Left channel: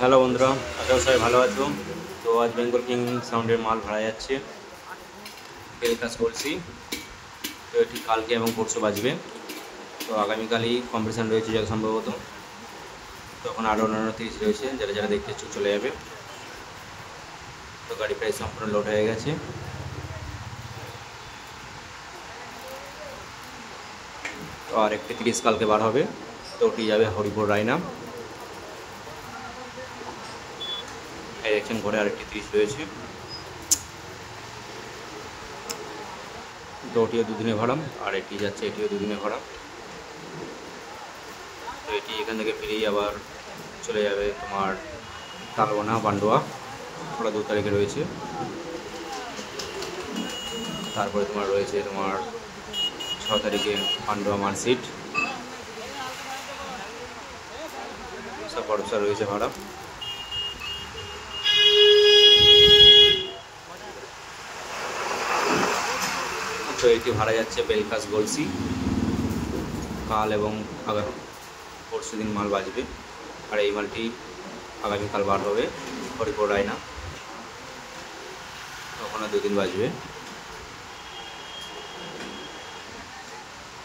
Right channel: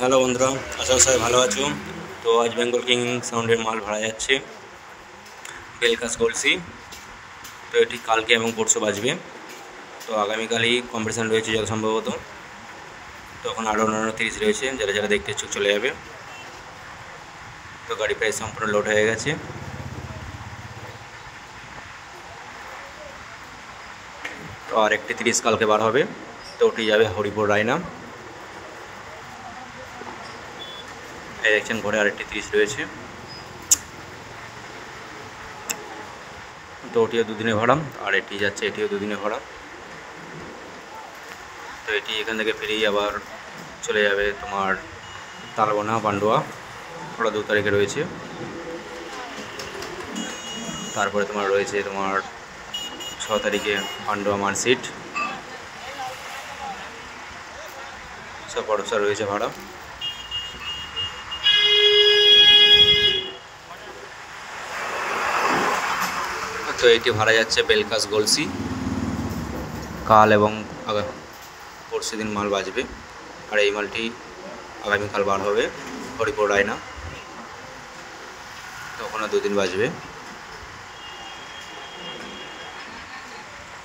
হ্যালো বন্ধুরা, আশা করি সবাই ভালো আছো। তো আজ বেঙ্গল কিং সাউন্ডের মাল ভাড়া যাচ্ছে বেলকাস গলসি। তো এটি কালকে এবং পরশু বাজবে। তো আগামীকালই কম্পিটিশান রয়েছে যত সম্ভবত। তো এখন আরও 29 রয়েছে, যারা যারা দেখতে ইচ্ছুক চলে যাবে। তো গাড়ি প্রায় সম্পূর্ণ লোড হয়ে গেছে। তো আর একটি 30 কালকে বার হবে। তো ওটি যাবে হরিপুর রায়না। এই দেখছেন ঘরে আরেকটি 30 রয়েছে। তো ওটিও দুদিনে ভাড়া, আর এটি যাচ্ছে, এটিও দুদিনে ভাড়া। তো এটি এখান থেকে ফিরেই আবার চলে যাবে তোমার তালবনা পান্ডুয়া, ওটা 2 তারিখে রয়েছে। তারপরে তোমার রয়েছে তোমার 6 তারিখে পান্ডুয়া মার্কশিট, সব ভরসা রয়েছে ভাড়া। তো এটি ভাড়া যাচ্ছে বেলকাস গলসি। কাল এবং পরশু দিন মাল বাজবে, আর এই মালটি আগামীকাল বার হবে হরিপুর রায়না। তখনও 2 দিন বাজবে।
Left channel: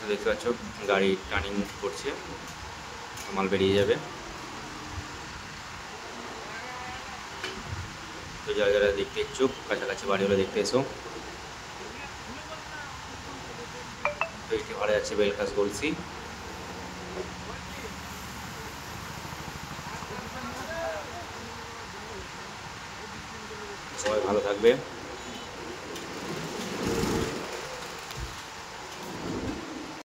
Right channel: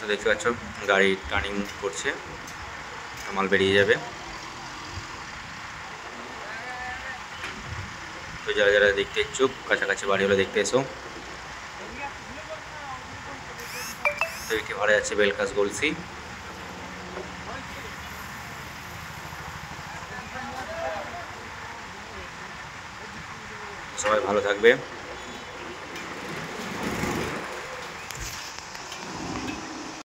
দেখতে পাচ্ছ গাড়ি টার্নিং করছে, মাল বেরিয়ে যাবে। তো যারা যারা দেখতে ইচ্ছুক, কাছাকাছি বাড়ি হলে দেখতে এসো। তো এটি ভাড়া যাচ্ছে বেলকাস গলসি। সবাই ভালো থাকবে।